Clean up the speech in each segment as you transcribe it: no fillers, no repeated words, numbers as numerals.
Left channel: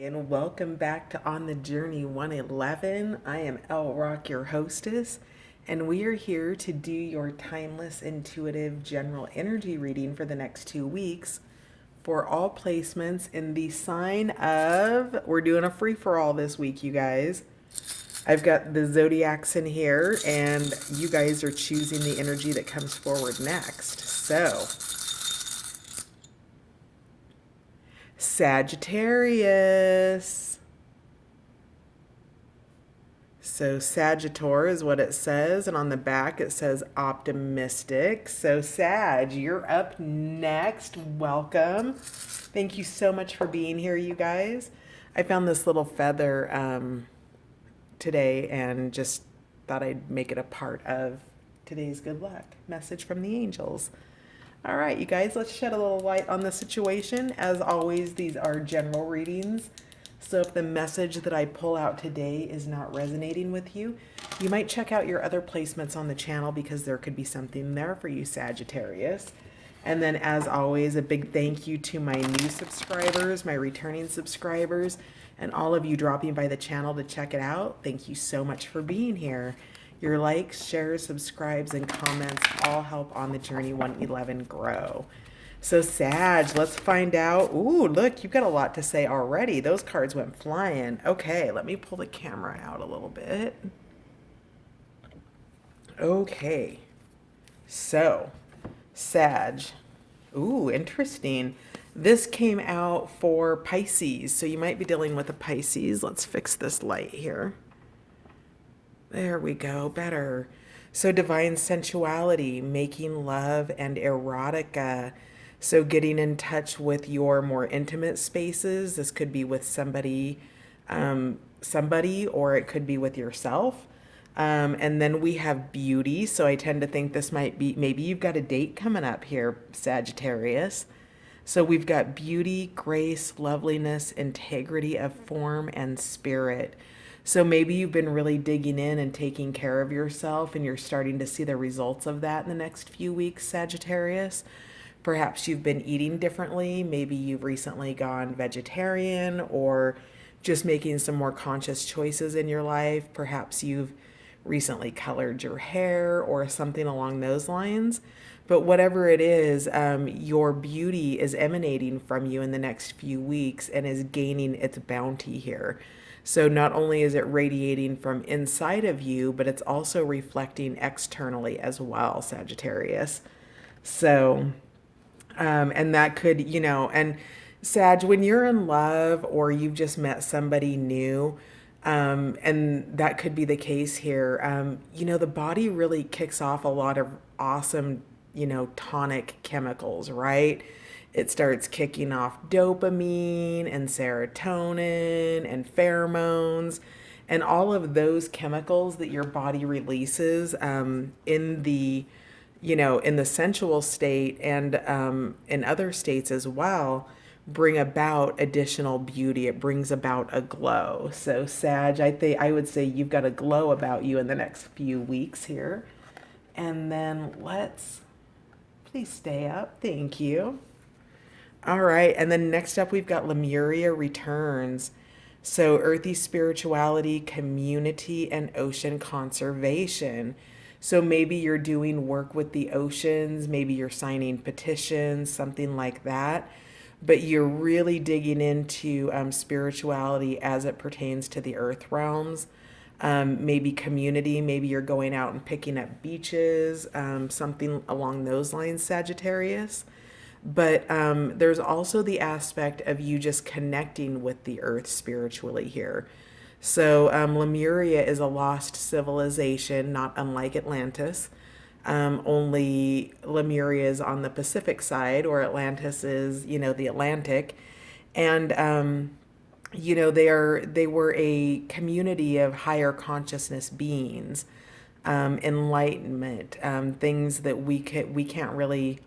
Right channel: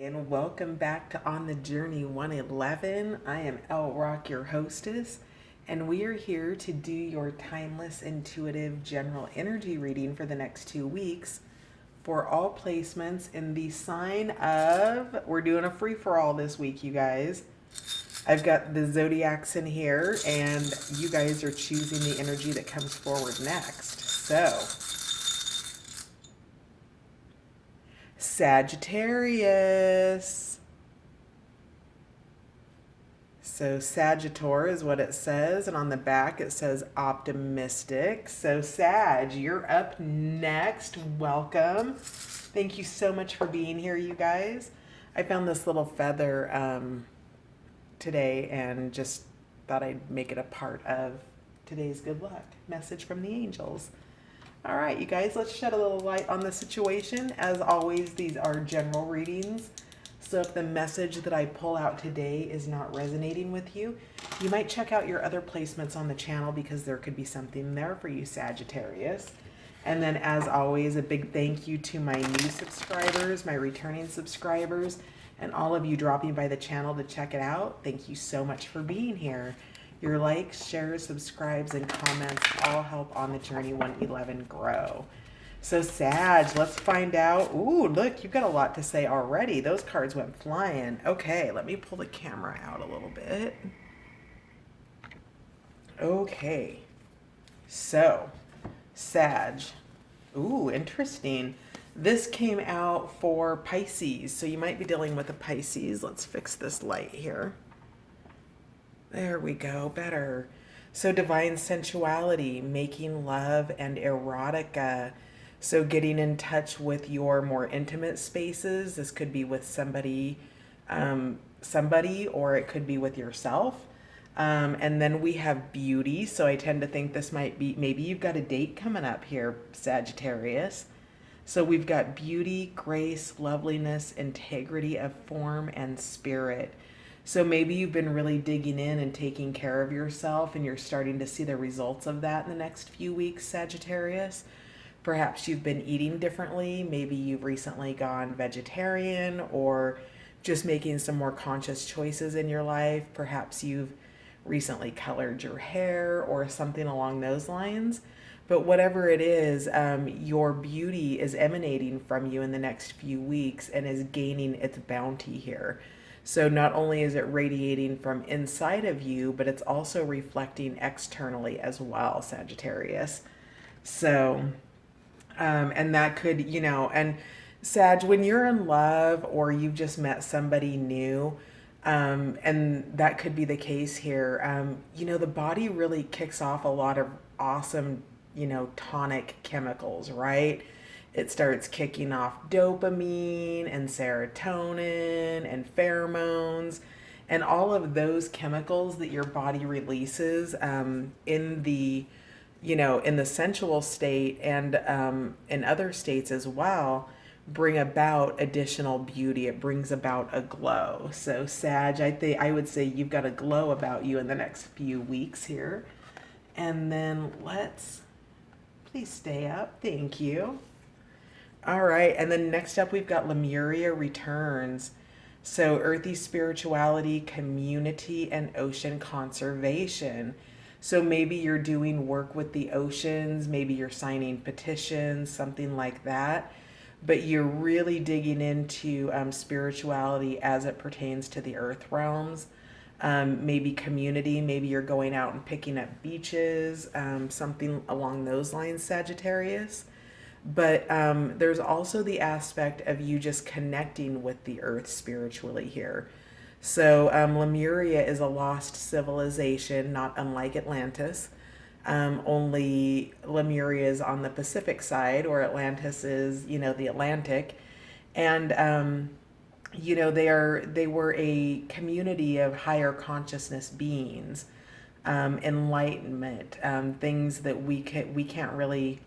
And welcome back to On the Journey 111. I am El Rock, your hostess, and we are here to do your timeless, intuitive, general energy reading for the next 2 weeks for all placements in the sign of. We're doing a free for all this week, you guys. I've got the zodiacs in here, and you guys are choosing the energy that comes forward next. So, Sagittarius. So Sagittor is what it says, and on the back it says optimistic. So Sag, you're up next. Welcome. Thank you so much for being here, you guys. I found this little feather today and just thought I'd make it a part of today's good luck message from the angels. All right, you guys, let's shed a little light on the situation. As always, these are general readings. So if the message that I pull out today is not resonating with you, you might check out your other placements on the channel because there could be something there for you, Sagittarius. And then as always, a big thank you to my new subscribers, my returning subscribers, and all of you dropping by the channel to check it out. Thank you so much for being here. Your likes, shares, subscribes, and comments all help On the Journey 111 grow. So Sag, let's find out. Ooh, look, you've got a lot to say already. Those cards went flying. Okay, let me pull the camera out a little bit. Okay, so Sag. Ooh, interesting. This came out for Pisces, so you might be dealing with a Pisces. Let's fix this light here. There we go, better. So divine sensuality, making love and erotica. So getting in touch with your more intimate spaces. This could be with somebody, or it could be with yourself. And then we have beauty. So I tend to think this might be, maybe you've got a date coming up here, Sagittarius. So we've got beauty, grace, loveliness, integrity of form and spirit. So maybe you've been really digging in and taking care of yourself, and you're starting to see the results of that in the next few weeks, Sagittarius. Perhaps you've been eating differently. Maybe you've recently gone vegetarian, or just making some more conscious choices in your life. Perhaps you've recently colored your hair or something along those lines. But whatever it is, your beauty is emanating from you in the next few weeks and is gaining its bounty here. So not only is it radiating from inside of you, but it's also reflecting externally as well, Sagittarius. So, and that could, and Sag, when you're in love or you've just met somebody new, and that could be the case here, the body really kicks off a lot of awesome, tonic chemicals, right? It starts kicking off dopamine and serotonin and pheromones and all of those chemicals that your body releases in the sensual state and in other states as well, bring about additional beauty. It brings about a glow. So Sag, I would say you've got a glow about you in the next few weeks here. And then please stay up. Thank you. All right, and then next up we've got Lemuria returns. So earthy spirituality, community, and ocean conservation. So maybe you're doing work with the oceans, maybe you're signing petitions, something like that. But you're really digging into spirituality as it pertains to the earth realms. Maybe community, maybe you're going out and picking up beaches, something along those lines, Sagittarius. But there's also the aspect of you just connecting with the earth spiritually here. So Lemuria is a lost civilization, not unlike Atlantis. Only Lemuria is on the Pacific side, or Atlantis is, the Atlantic. And they were a community of higher consciousness beings, enlightenment, things that we can't really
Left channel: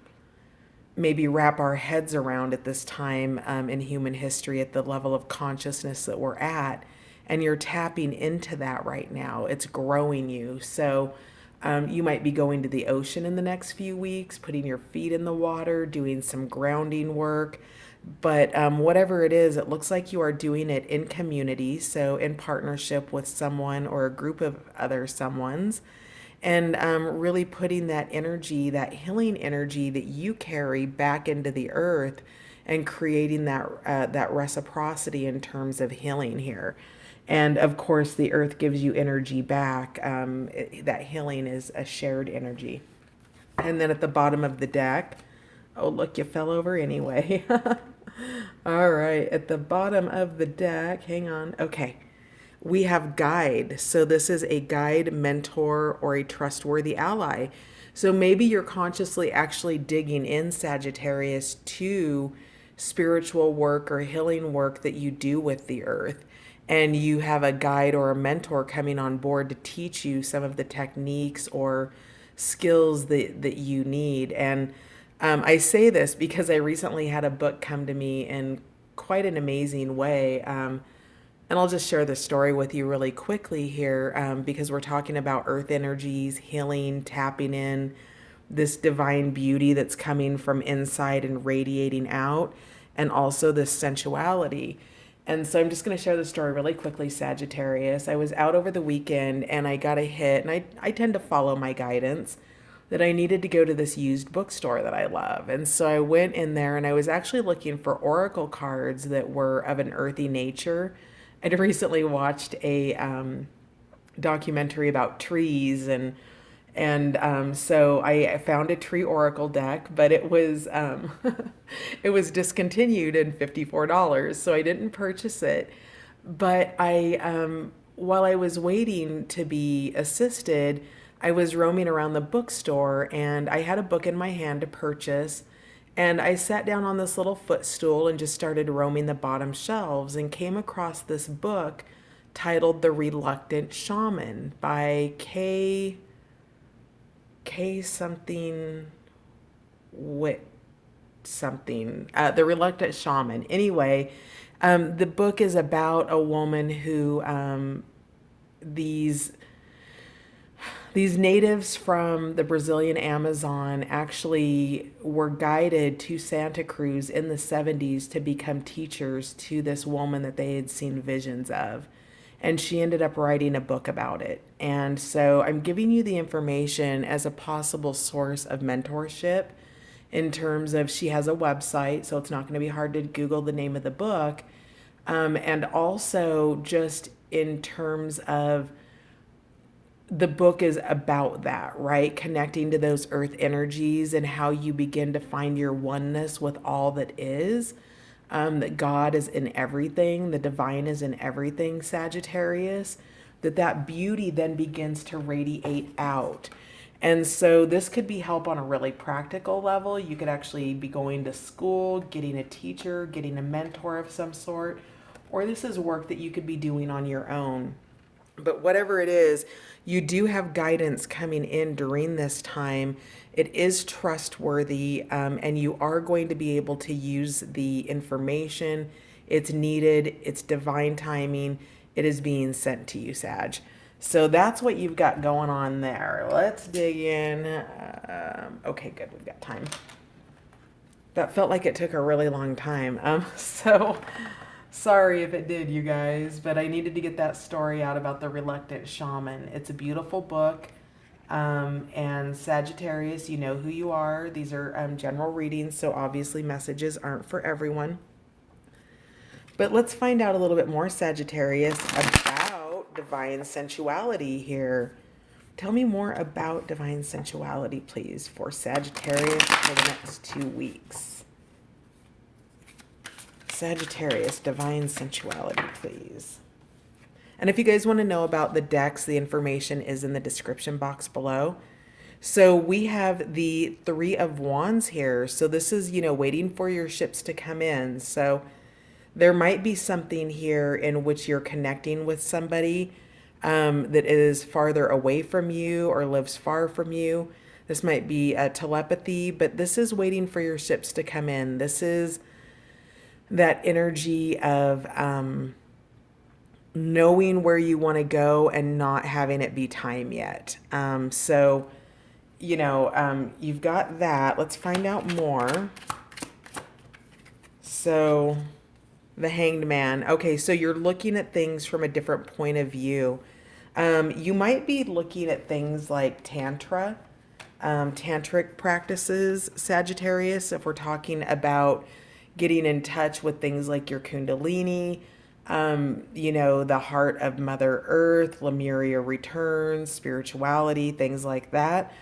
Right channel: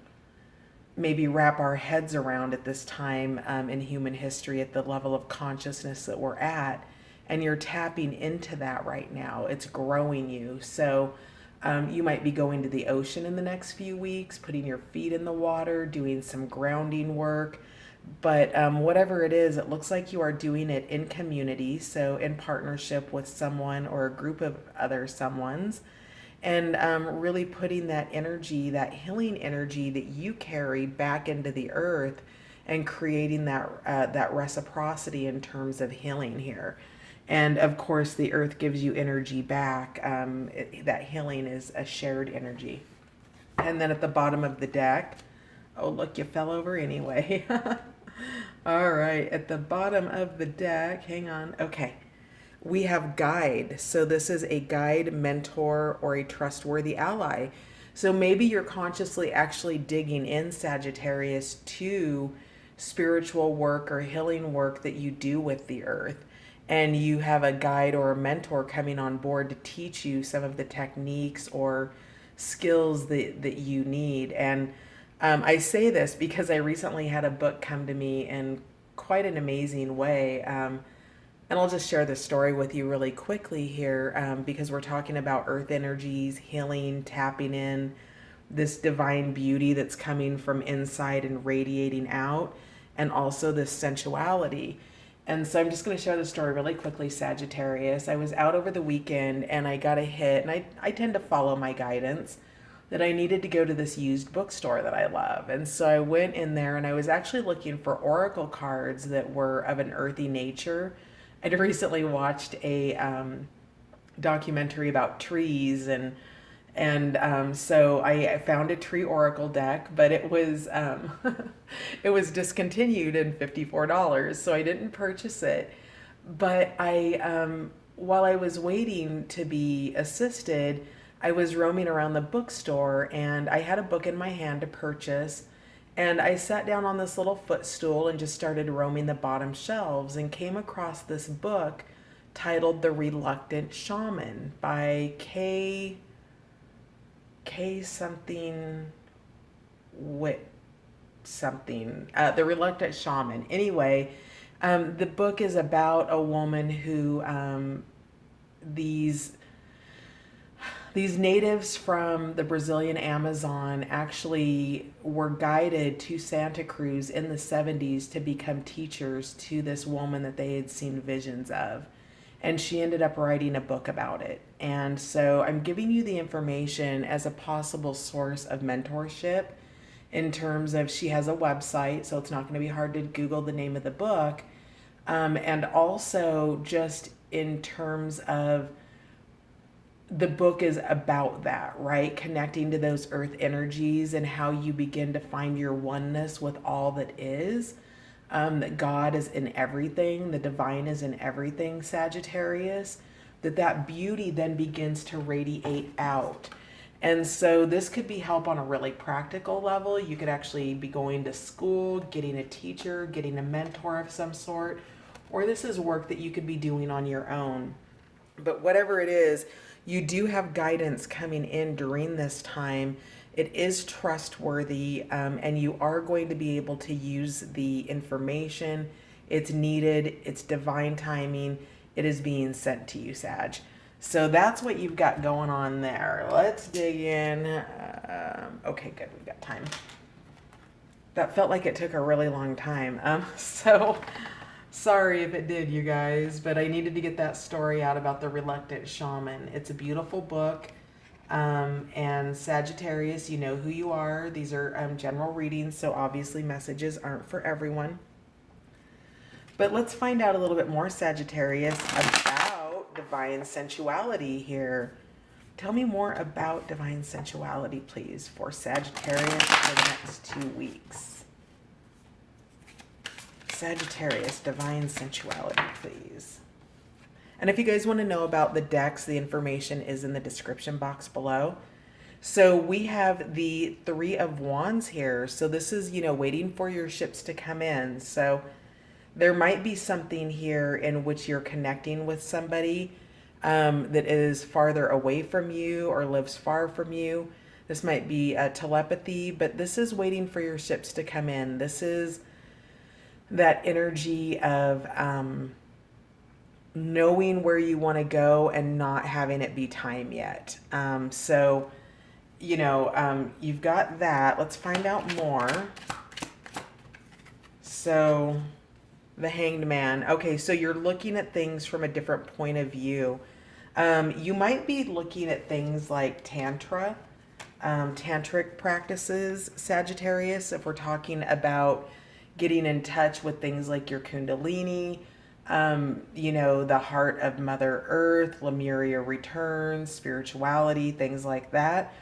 maybe wrap our heads around at this time in human history at the level of consciousness that we're at. And you're tapping into that right now. It's growing you. So you might be going to the ocean in the next few weeks, putting your feet in the water, doing some grounding work. But whatever it is, it looks like you are doing it in community, so in partnership with someone or a group of other someones, and really putting that energy, that healing energy that you carry back into the earth, and creating that reciprocity in terms of healing here. And of course, the earth gives you energy back. That healing is a shared energy. And then at the bottom of the deck, oh, look, you fell over anyway. All right, at the bottom of the deck, hang on. Okay, we have guide. So this is a guide, mentor, or a trustworthy ally. So maybe you're consciously actually digging in, Sagittarius, to spiritual work or healing work that you do with the earth. And you have a guide or a mentor coming on board to teach you some of the techniques or skills that you need. And I say this because I recently had a book come to me in quite an amazing way. And I'll just share this story with you really quickly here, because we're talking about earth energies, healing, tapping in this divine beauty that's coming from inside and radiating out, and also this sensuality. And so I'm just going to share the story really quickly, Sagittarius. I was out over the weekend and I got a hit, and I tend to follow my guidance, that I needed to go to this used bookstore that I love. And so I went in there and I was actually looking for oracle cards that were of an earthy nature. I'd recently watched a documentary about trees, and so I found a tree oracle deck, but it was it was discontinued and $54, so I didn't purchase it. But while I was waiting to be assisted, I was roaming around the bookstore and I had a book in my hand to purchase. And I sat down on this little footstool and just started roaming the bottom shelves and came across this book titled The Reluctant Shaman by K something Wit something. The Reluctant Shaman. Anyway, the book is about a woman who these natives from the Brazilian Amazon actually were guided to Santa Cruz in the 70s to become teachers to this woman that they had seen visions of. And she ended up writing a book about it. And so I'm giving you the information as a possible source of mentorship, in terms of she has a website, so it's not going to be hard to Google the name of the book. And also just in terms of the book is about that, right? Connecting to those earth energies and how you begin to find your oneness with all that is. That God is in everything, the divine is in everything, Sagittarius. That beauty then begins to radiate out. And so this could be help on a really practical level. You could actually be going to school, getting a teacher, getting a mentor of some sort, or this is work that you could be doing on your own. But whatever it is, you do have guidance coming in during this time. It is trustworthy, and you are going to be able to use the information. It's needed, it's divine timing, it is being sent to you, Sag. So that's what you've got going on there. Let's dig in. Okay, good, we've got time. That felt like it took a really long time. So sorry if it did, you guys, but I needed to get that story out about the Reluctant Shaman. It's a beautiful book. And Sagittarius, you know who you are. These are general readings, so obviously messages aren't for everyone. But let's find out a little bit more, Sagittarius, about divine sensuality here. Tell me more about divine sensuality, please, for Sagittarius for the next 2 weeks. Sagittarius, divine sensuality, please. And if you guys want to know about the decks, the information is in the description box below. So we have the Three of Wands here. So this is, waiting for your ships to come in. So there might be something here in which you're connecting with somebody that is farther away from you or lives far from you. This might be telepathy, but this is waiting for your ships to come in. This is that energy of knowing where you want to go and not having it be time yet. So, you've got that. Let's find out more. So the Hanged Man. Okay, so you're looking at things from a different point of view. You might be looking at things like tantric practices, Sagittarius, if we're talking about getting in touch with things like your Kundalini, the heart of Mother Earth, Lemuria returns, spirituality, things like that.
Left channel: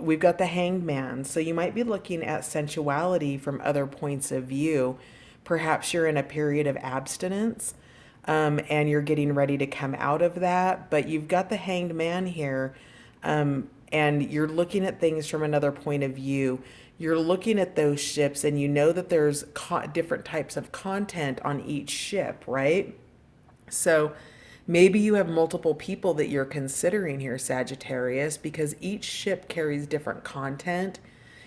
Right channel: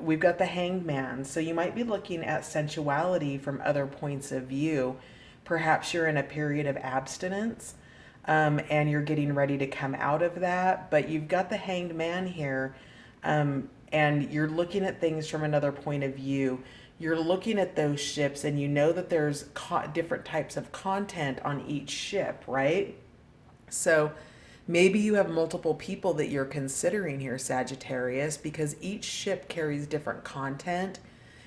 We've got the Hanged Man. So you might be looking at sensuality from other points of view. Perhaps you're in a period of abstinence, and you're getting ready to come out of that. But you've got the Hanged Man here, and you're looking at things from another point of view. You're looking at those ships, and you know that there's different types of content on each ship, right? So maybe you have multiple people that you're considering here, Sagittarius, because each ship carries different content,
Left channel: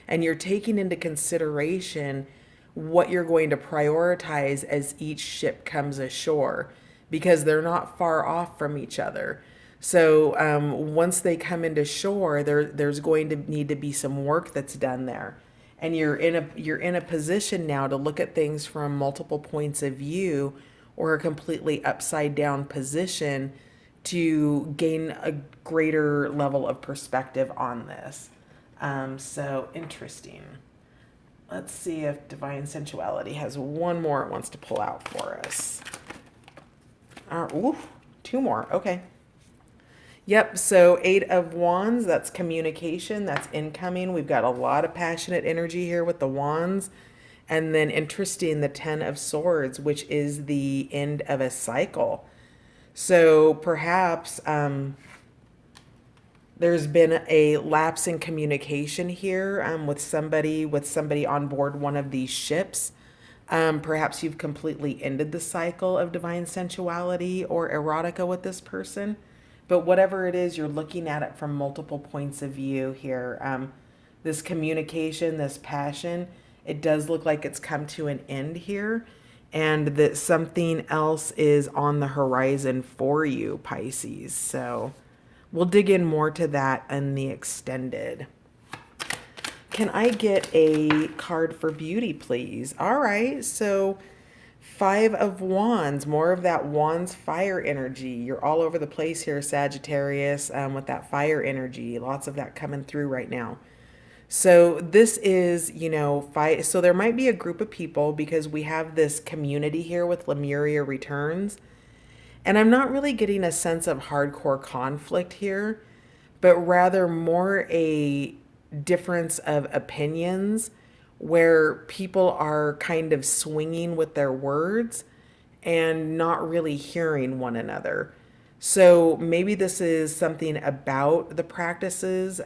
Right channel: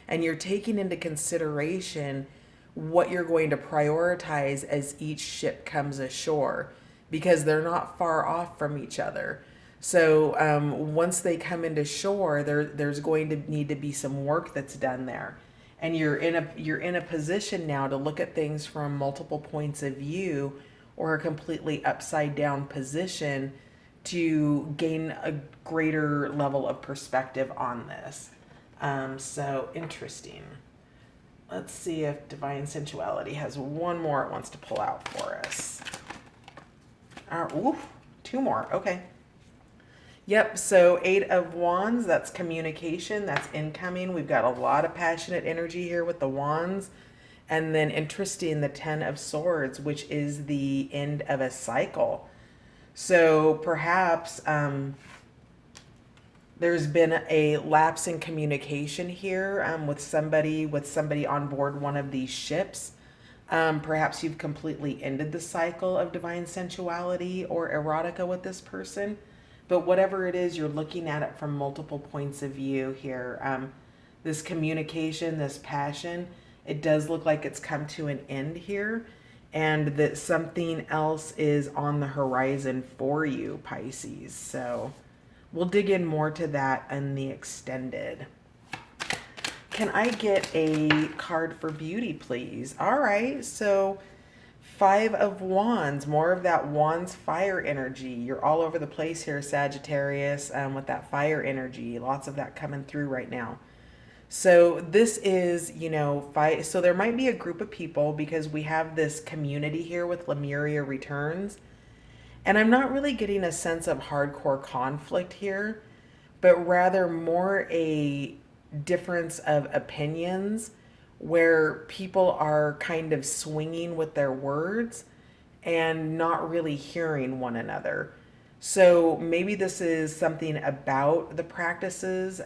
and you're taking into consideration what you're going to prioritize as each ship comes ashore, because they're not far off from each other. So once they come into shore, there's going to need to be some work that's done there, and you're in a position now to look at things from multiple points of view, or a completely upside down position, to gain a greater level of perspective on this. So interesting. Let's see if Divine Sensuality has one more it wants to pull out for us. Ooh, two more. Okay. Yep, so Eight of Wands, that's communication, that's incoming. We've got a lot of passionate energy here with the Wands. And then interesting, the Ten of Swords, which is the end of a cycle. So perhaps there's been a lapse in communication here with somebody on board one of these ships. Perhaps you've completely ended the cycle of divine sensuality or erotica with this person. But whatever it is, you're looking at it from multiple points of view here. This communication, this passion, it does look like it's come to an end here, and that something else is on the horizon for you, Pisces. So we'll dig in more to that in the extended. Can I get a card for beauty, please? All right, so Five of Wands, more of that Wands fire energy. You're all over the place here, Sagittarius, with that fire energy. Lots of that coming through right now. So this is, so there might be a group of people, because we have this community here with Lemuria returns. And I'm not really getting a sense of hardcore conflict here, but rather more a difference of opinions, where people are kind of swinging with their words and not really hearing one another. So maybe this is something about the practices.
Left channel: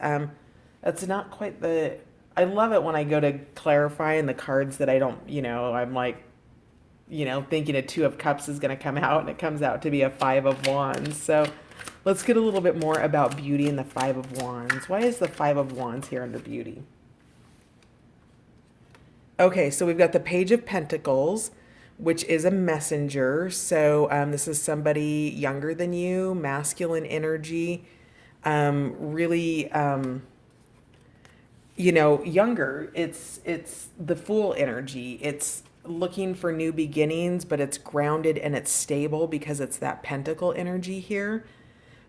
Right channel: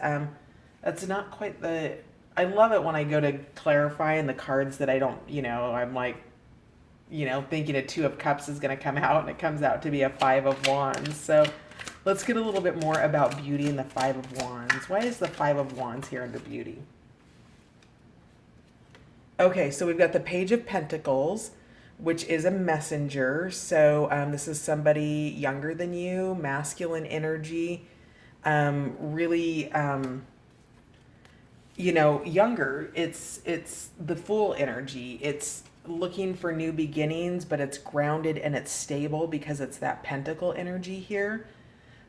That's not quite the. I love it when I go to clarify in the cards that I don't, I'm like, thinking a Two of Cups is going to come out, and it comes out to be a Five of Wands. So let's get a little bit more about beauty in the Five of Wands. Why is the Five of Wands here under beauty? Okay, so we've got the Page of Pentacles, which is a messenger. So this is somebody younger than you, masculine energy, really, younger. It's the Fool energy. It's looking for new beginnings, but it's grounded and it's stable because it's that Pentacle energy here.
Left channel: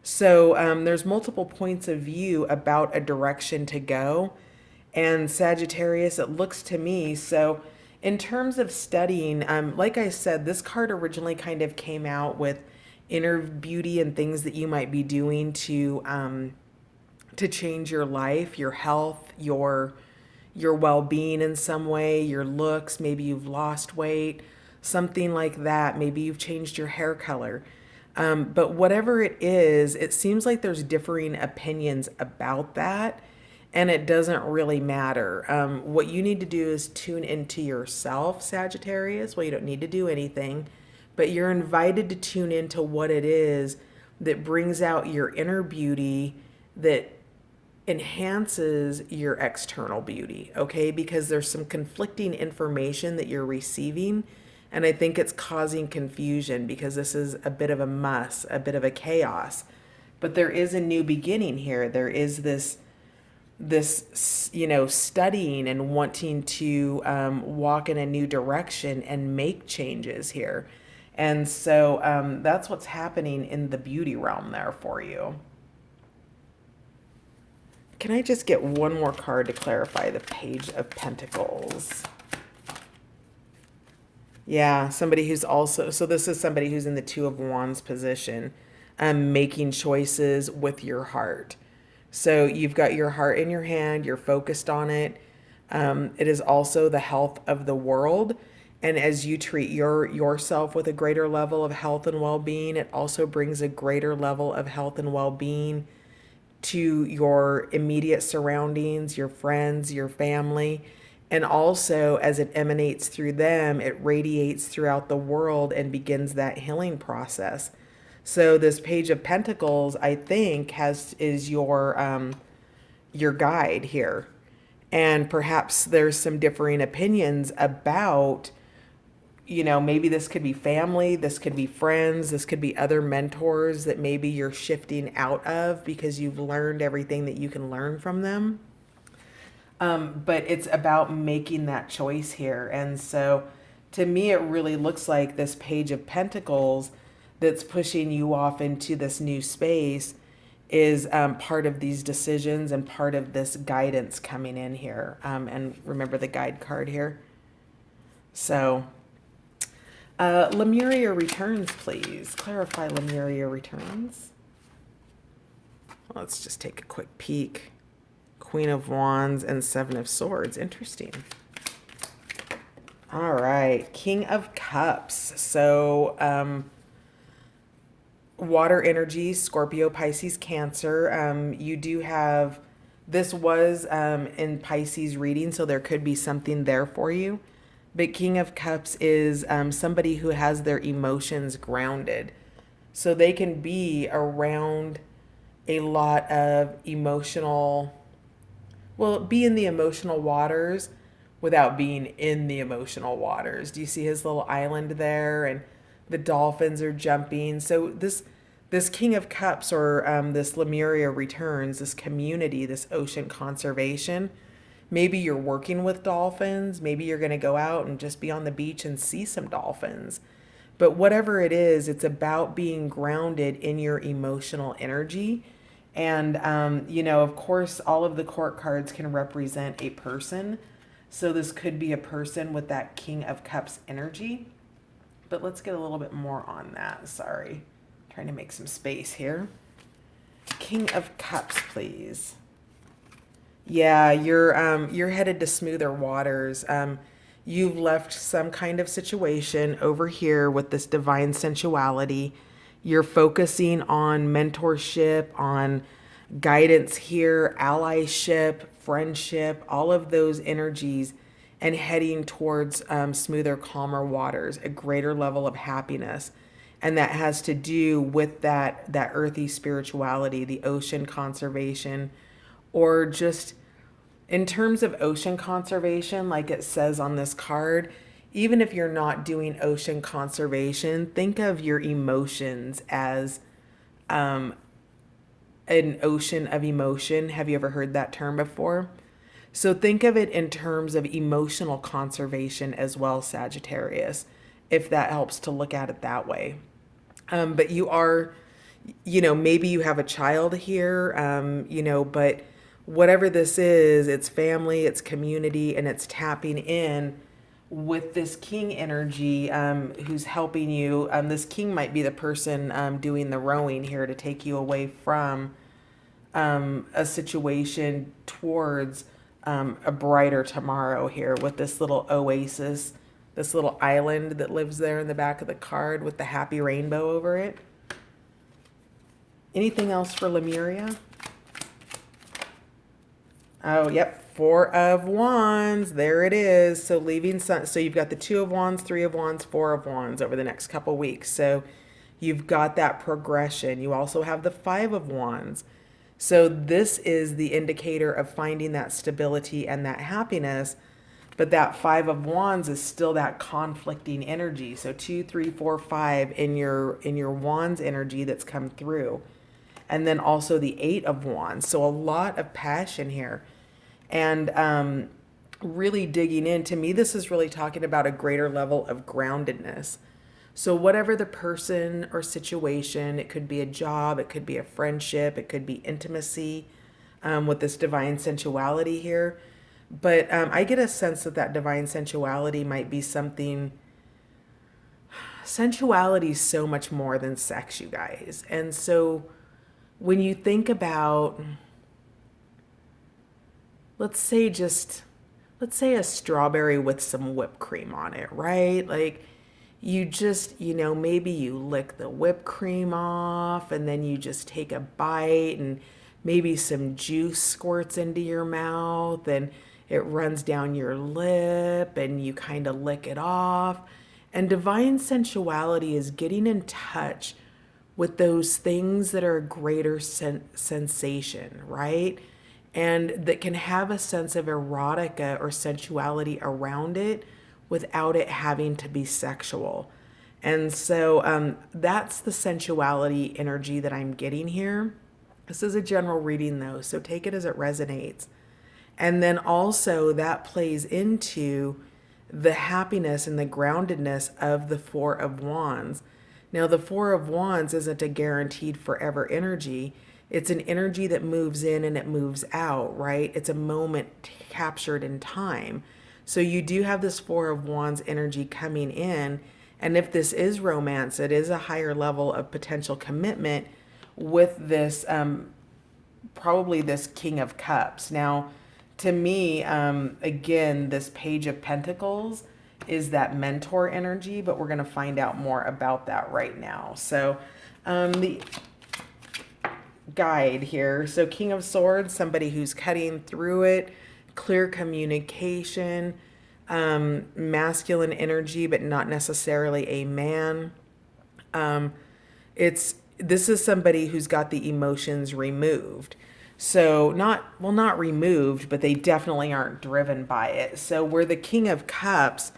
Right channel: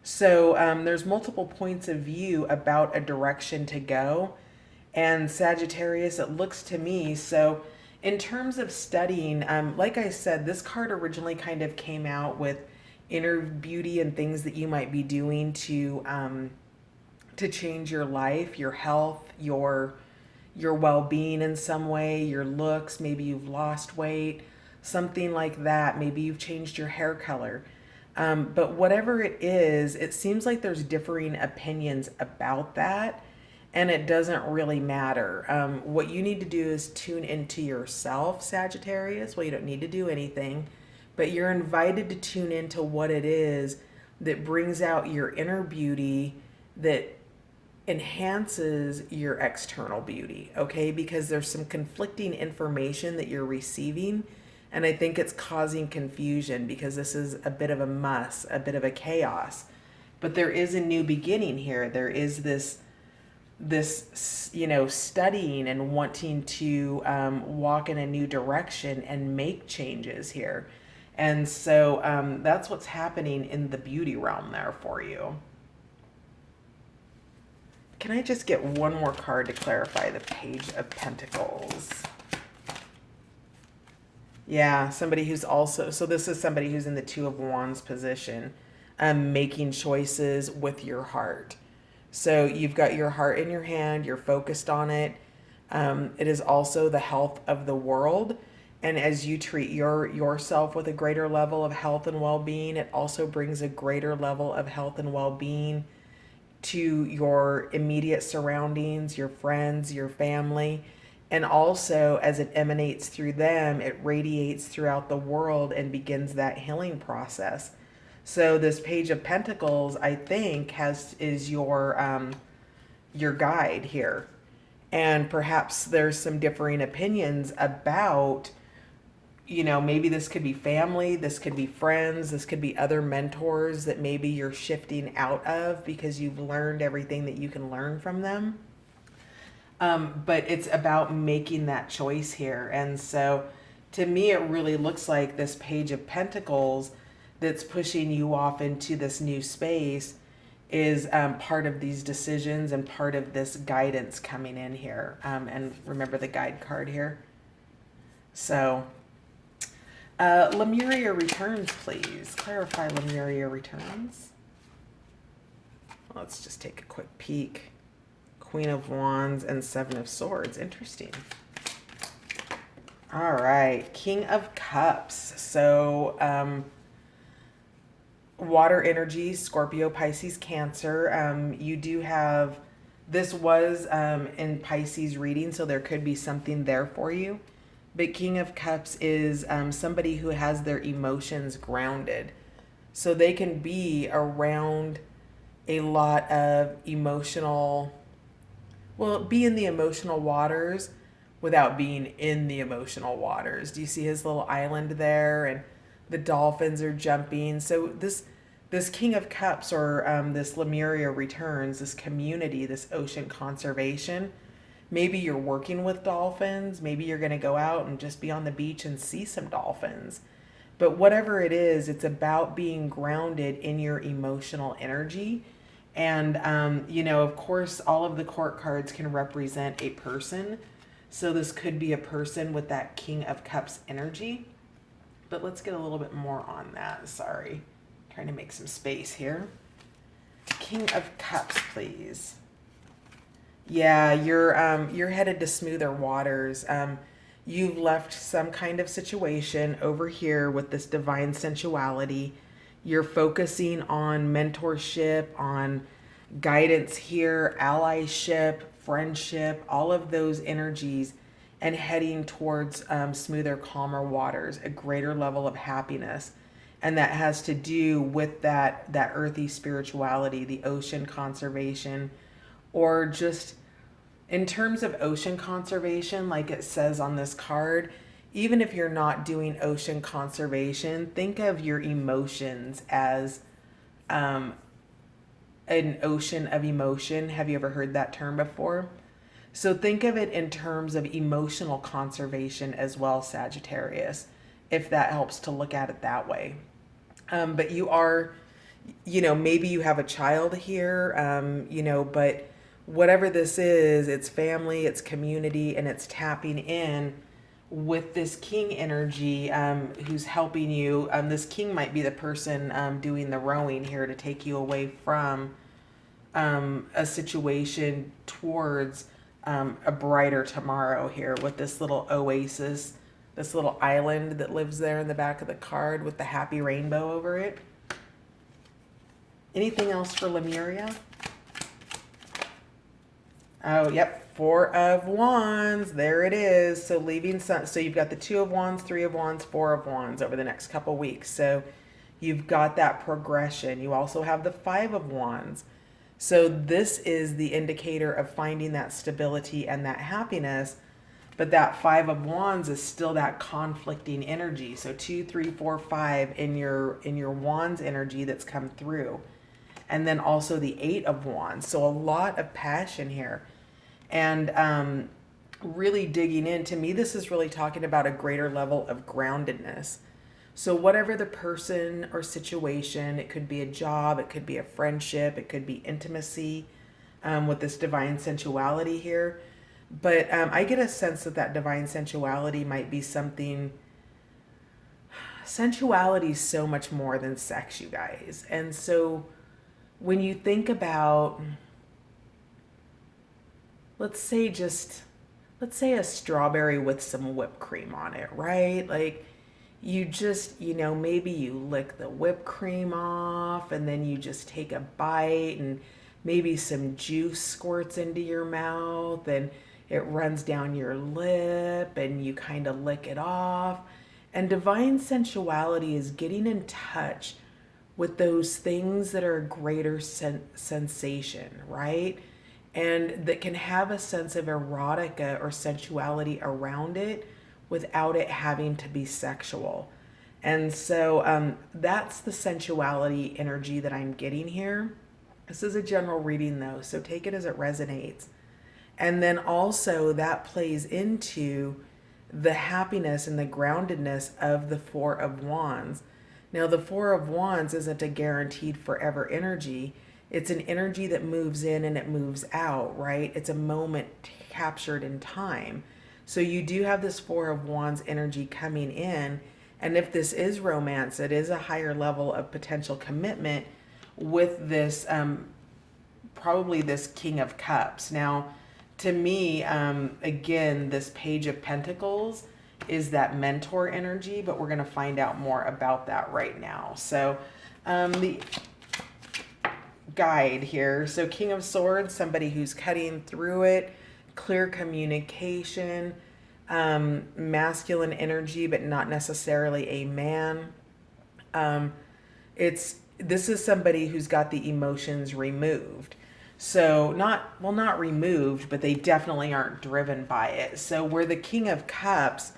So there's multiple points of view about a direction to go. And Sagittarius, it looks to me, so in terms of studying, like I said, this card originally kind of came out with inner beauty and things that you might be doing to change your life, your health, your well-being in some way, your looks. Maybe you've lost weight, something like that. Maybe you've changed your hair color. But whatever it is, it seems like there's differing opinions about that. And it doesn't really matter. What you need to do is tune into yourself, Sagittarius. Well, you don't need to do anything, but you're invited to tune into what it is that brings out your inner beauty, that enhances your external beauty, okay? Because there's some conflicting information that you're receiving, and I think it's causing confusion, because this is a bit of a mess, a bit of a chaos. But there is a new beginning here. There is this studying and wanting to walk in a new direction and make changes here. And so that's what's happening in the beauty realm there for you. Can I just get one more card to clarify the Page of Pentacles? Yeah, somebody who's also, so this is somebody who's in the Two of Wands position, making choices with your heart. So you've got your heart in your hand, you're focused on it. It is also the health of the world. And as you treat yourself with a greater level of health and well-being, it also brings a greater level of health and well-being to your immediate surroundings, your friends, your family. And also, as it emanates through them, it radiates throughout the world and begins that healing process. So this Page of Pentacles, I think, is your guide here. And perhaps there's some differing opinions about, maybe this could be family, this could be friends, this could be other mentors that maybe you're shifting out of because you've learned everything that you can learn from them. But it's about making that choice here. And so to me, it really looks like this Page of Pentacles that's pushing you off into this new space is part of these decisions and part of this guidance coming in here. And remember the guide card here. So Lemuria returns, please. Clarify Lemuria returns. Let's just take a quick peek. Queen of Wands and Seven of Swords. Interesting. All right. King of Cups. So water energy, Scorpio, Pisces, Cancer. You do have, this was in Pisces reading, so there could be something there for you. But King of Cups is somebody who has their emotions grounded. So they can be around a lot of emotional, be in the emotional waters without being in the emotional waters. Do you see his little island there? And the dolphins are jumping. So this King of Cups, or this Lemuria returns, this community, this ocean conservation. Maybe you're working with dolphins. Maybe you're going to go out and just be on the beach and see some dolphins. But whatever it is, it's about being grounded in your emotional energy. And, of course, all of the court cards can represent a person. So this could be a person with that King of Cups energy. But let's get a little bit more on that. Sorry. Trying to make some space here. King of Cups, please. Yeah, you're headed to smoother waters. You've left some kind of situation over here with this divine sensuality. You're focusing on mentorship, on guidance here, allyship, friendship, all of those energies, and heading towards smoother, calmer waters, a greater level of happiness. And that has to do with that earthy spirituality, the ocean conservation, or just in terms of ocean conservation, like it says on this card, even if you're not doing ocean conservation, think of your emotions as an ocean of emotion. Have you ever heard that term before? So think of it in terms of emotional conservation as well, Sagittarius, if that helps to look at it that way. But you are, maybe you have a child here, but whatever this is, it's family, it's community, and it's tapping in with this king energy who's helping you. This king might be the person doing the rowing here to take you away from a situation towards a brighter tomorrow here with this little oasis, this little island that lives there in the back of the card with the happy rainbow over it. Anything else for Lemuria? Oh, yep. Four of Wands. There it is. So leaving some, so you've got the Two of Wands, Three of Wands, Four of Wands over the next couple weeks. So you've got that progression. You also have the Five of Wands. So this is the indicator of finding that stability and that happiness. But that Five of Wands is still that conflicting energy. So 2, 3, 4, 5 in your Wands energy that's come through. and then also the Eight of Wands. So a lot of passion here. And really digging in, to me, this is really talking about a greater level of groundedness. So, whatever the person or situation, it could be a job, it could be a friendship, it could be intimacy with this divine sensuality here. But I get a sense that that divine sensuality might be something. Sensuality is so much more than sex, you guys. And so, when you think about, let's say just, let's say a strawberry with some whipped cream on it, right? Like, you just, maybe you lick the whipped cream off and then you just take a bite and maybe some juice squirts into your mouth and it runs down your lip and you kind of lick it off. And divine sensuality is getting in touch with those things that are a greater sensation, right? And that can have a sense of erotica or sensuality around it without it having to be sexual. And so that's the sensuality energy that I'm getting here. This is a general reading though, so take it as it resonates. And then also that plays into the happiness and the groundedness of the Four of Wands. Now, the Four of Wands isn't a guaranteed forever energy. It's an energy that moves in and it moves out, right? It's a moment captured in time. So you do have this Four of Wands energy coming in. And if this is romance, it is a higher level of potential commitment with this, probably this King of Cups. Now, to me, again, this Page of Pentacles is that mentor energy, but we're going to find out more about that right now. So the guide here. So King of Swords, somebody who's cutting through it, clear communication, masculine energy, but not necessarily a man. This is somebody who's got the emotions removed. So not removed, but they definitely aren't driven by it. So where the King of Cups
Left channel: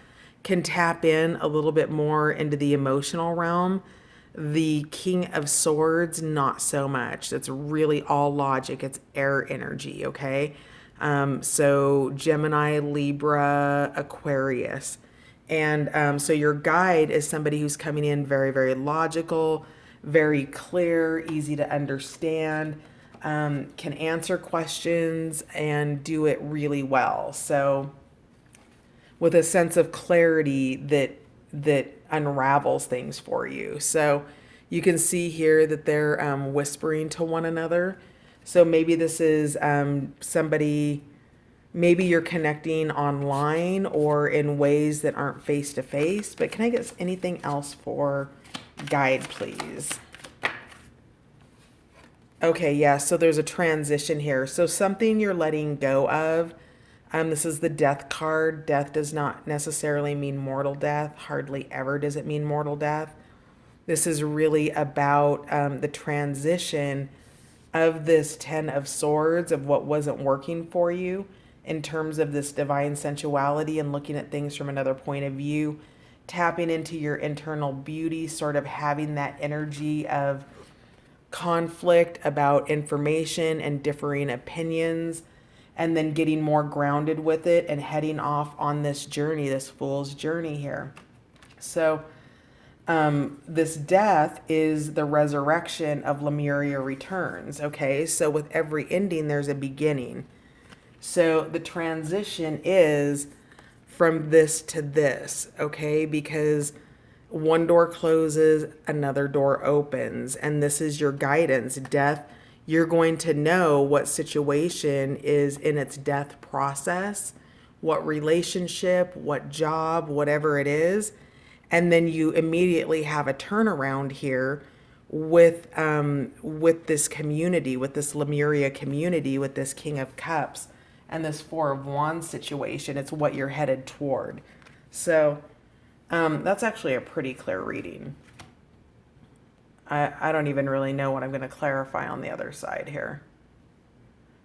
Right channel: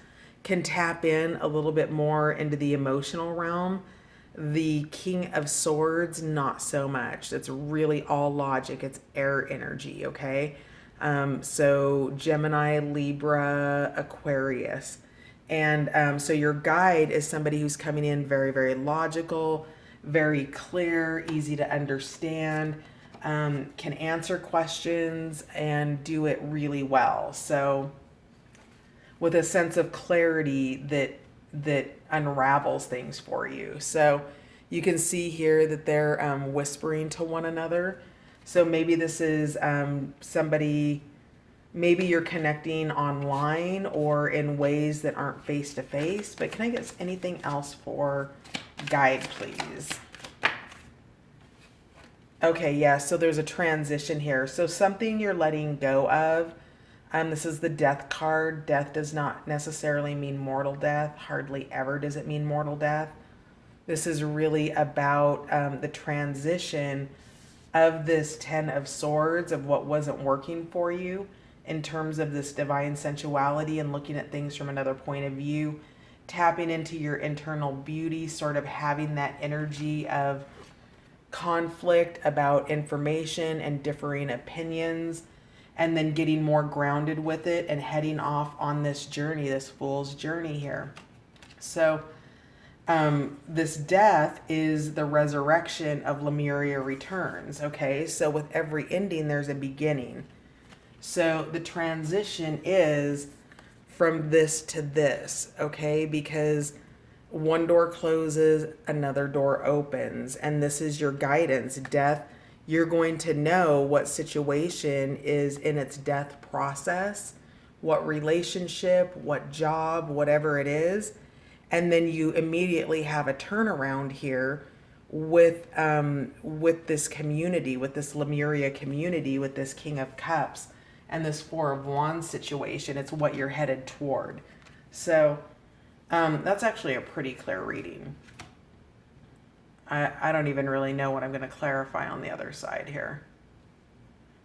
can tap in a little bit more into the emotional realm, the King of Swords, not so much. It's really all logic. It's air energy, okay? So Gemini, Libra, Aquarius. And so your guide is somebody who's coming in very, very logical, very clear, easy to understand, can answer questions and do it really well. So with a sense of clarity that unravels things for you. So you can see here that they're whispering to one another. So maybe this is somebody, maybe you're connecting online or in ways that aren't face to face. But can I get anything else for guide, please? Okay, yeah, so there's a transition here. So something you're letting go of. This is the Death card. Death does not necessarily mean mortal death. Hardly ever does it mean mortal death. This is really about the transition of this Ten of Swords, of what wasn't working for you in terms of this divine sensuality and looking at things from another point of view, tapping into your internal beauty, sort of having that energy of conflict about information and differing opinions, and then getting more grounded with it and heading off on this journey, this fool's journey here. So this death is the resurrection of Lemuria Returns, okay? So with every ending, there's a beginning. So the transition is from this to this, okay? Because one door closes, another door opens, and this is your guidance. Death, you're going to know what situation is in its death process, what relationship, what job, whatever it is. And then you immediately have a turnaround here with this community, with this Lemuria community, with this King of Cups and this Four of Wands situation. It's what you're headed toward. So that's actually a pretty clear reading. I don't even really know what I'm going to clarify on the other side here.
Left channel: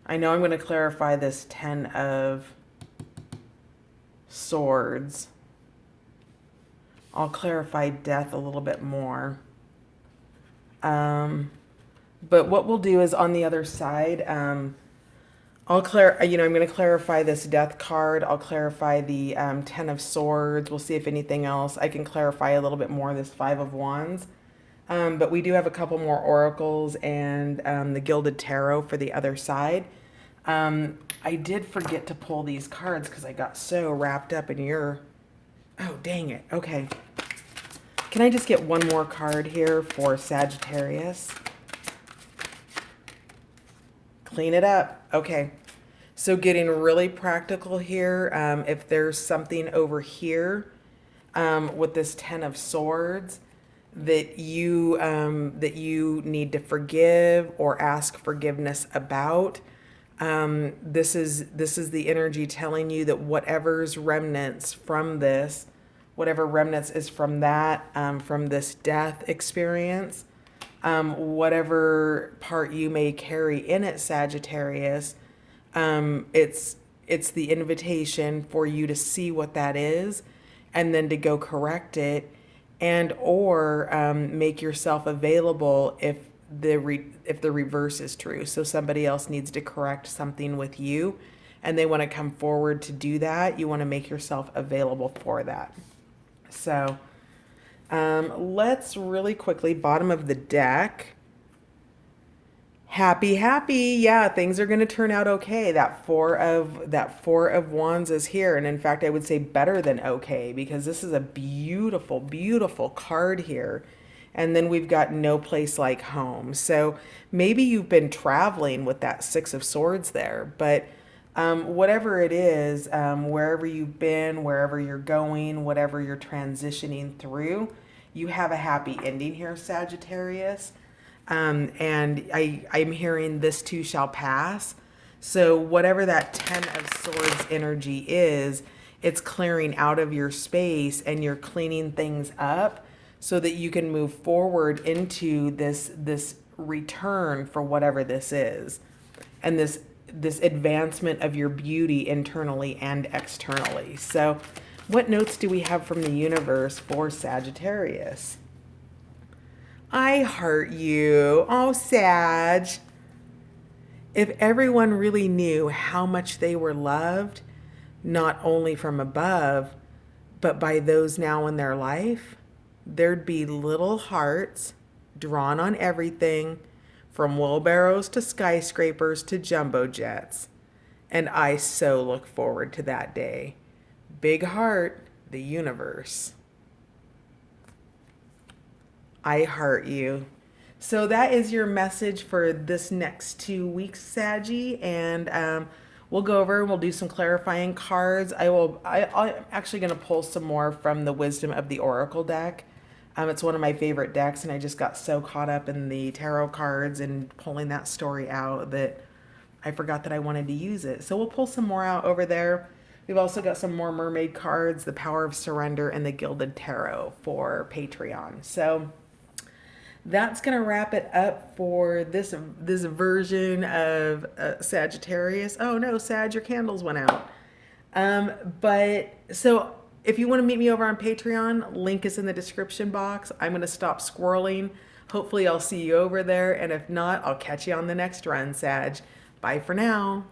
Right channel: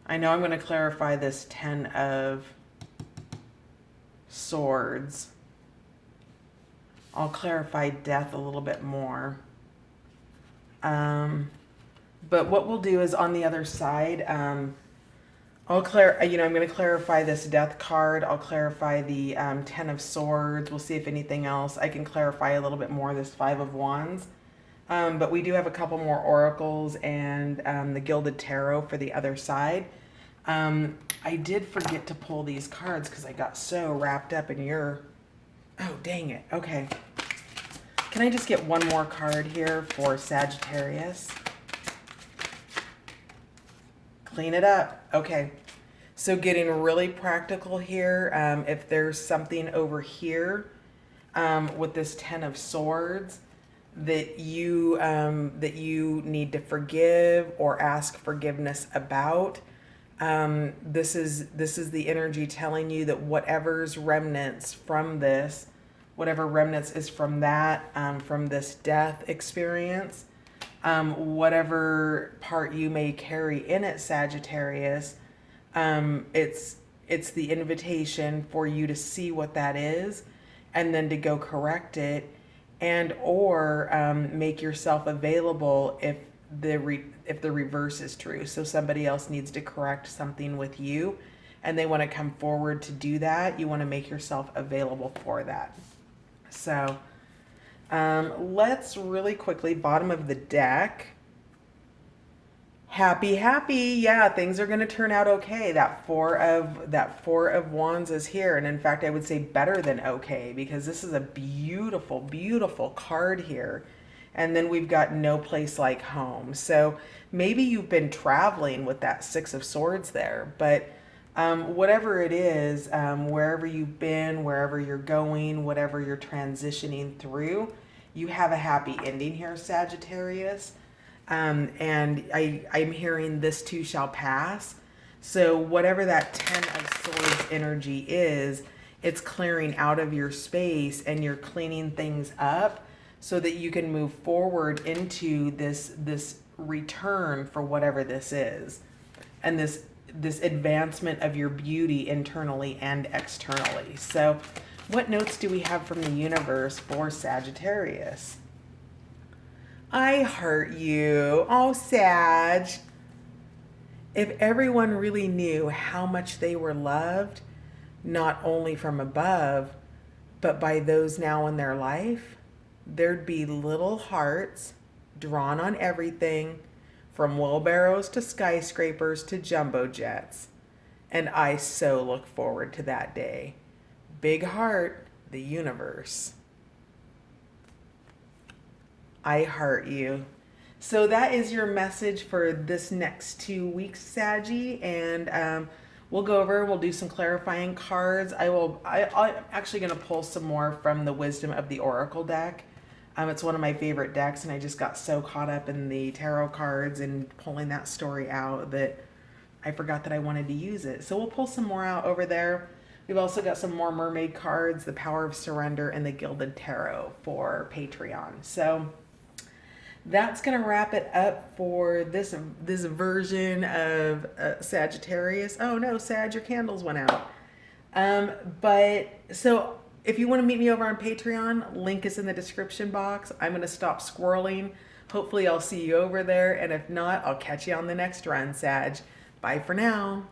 I know I'm going to clarify this Ten of Swords. I'll clarify death a little bit more. But what we'll do is on the other side, I'm going to clarify this death card. I'll clarify the Ten of Swords. We'll see if anything else. I can clarify a little bit more this Five of Wands. But we do have a couple more oracles and the Gilded Tarot for the other side. I did forget to pull these cards because I got so wrapped up in your... Oh, dang it. Okay. Can I just get one more card here for Sagittarius? Clean it up. Okay. So getting really practical here. If there's something over here with this Ten of Swords that you need to forgive or ask forgiveness about, this is the energy telling you that whatever's remnants from this, whatever remnants is from that, from this death experience, whatever part you may carry in it, Sagittarius, it's the invitation for you to see what that is, and then to go correct it, and or make yourself available if the reverse is true. So somebody else needs to correct something with you, and they want to come forward to do that. You want to make yourself available for that. So let's really quickly, bottom of the deck. Happy, happy. Yeah, things are going to turn out okay. That four of wands is here, and in fact, I would say better than okay, because this is a beautiful, beautiful card here. And then we've got no place like home. So maybe you've been traveling with that Six of Swords there, but whatever it is, wherever you've been, wherever you're going, whatever you're transitioning through, you have a happy ending here, Sagittarius. And I'm hearing this too shall pass. So whatever that Ten of Swords energy is, it's clearing out of your space, and you're cleaning things up so that you can move forward into this return for whatever this is, and this advancement of your beauty internally and externally. So what notes do we have from the universe for Sagittarius? I heart you. Oh, Sag. If everyone really knew how much they were loved, not only from above, but by those now in their life, there'd be little hearts drawn on everything, from wheelbarrows to skyscrapers to jumbo jets. And I so look forward to that day. Big heart, the universe. I heart you. So that is your message for this next 2 weeks, Saggy, and we'll go over and we'll do some clarifying cards. I'm actually going to pull some more from the Wisdom of the Oracle deck. It's one of my favorite decks, and I just got so caught up in the tarot cards and pulling that story out that I forgot that I wanted to use it. So we'll pull some more out over there. We've also got some more mermaid cards, the Power of Surrender, and the Gilded Tarot for Patreon. So that's going to wrap it up for this version of Sagittarius. Oh no, Sag, your candles went out. But so if you want to meet me over on Patreon, link is in the description box. I'm going to stop squirreling. Hopefully I'll see you over there. And if not, I'll catch you on the next run, Sag. Bye for now.